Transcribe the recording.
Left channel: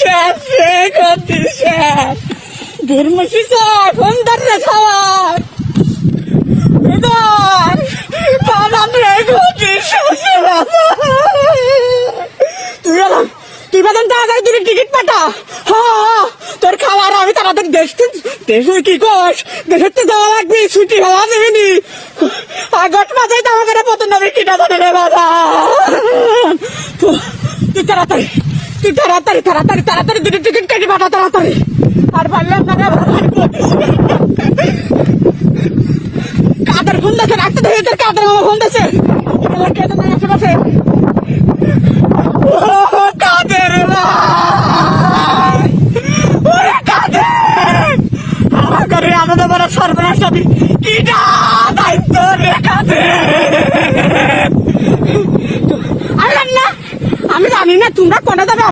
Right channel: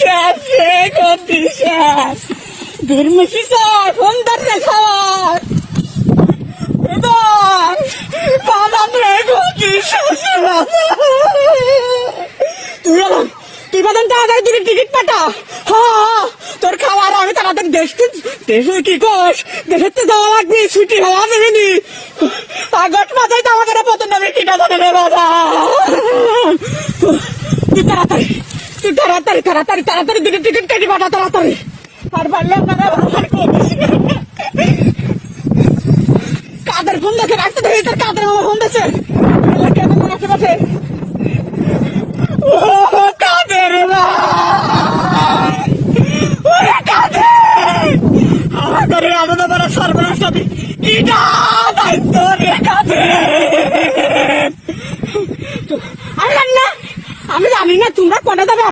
শেষ রে, গতি শেষ। ধর্মসি এখন ধরে খাওয়ার বাদাম রে, গতি শেষ বাবা। তুই বাদাম তাড়াতাড়ি তুই টিকিট পাঠা। হ্যাঁ, তোর খাওয়ার আমি তাড়াতাড়ি দেশে কি কস, দেশের তো যাওয়া লাগবে, ছুটি হওয়া দেবেনি। আগত মাথায় তো আমাকে পতন হবে টিকা ধরে রে বাবা। তুই তাড়াতাড়ি দুটো টিকিট কেটে পাঠা তাড়াতাড়ি। আর পারলাম না কাদের ফোন দেখে রাখতে ধরে, তোর কাদের ফোন দেখে কেটে না আশেপাশে। কাদের কাদের আমাদের বড় সর্বনাশ হবে। কি দায়িত্ব রে কাদের। আমি জানি না তোমরা কোনে যাবে।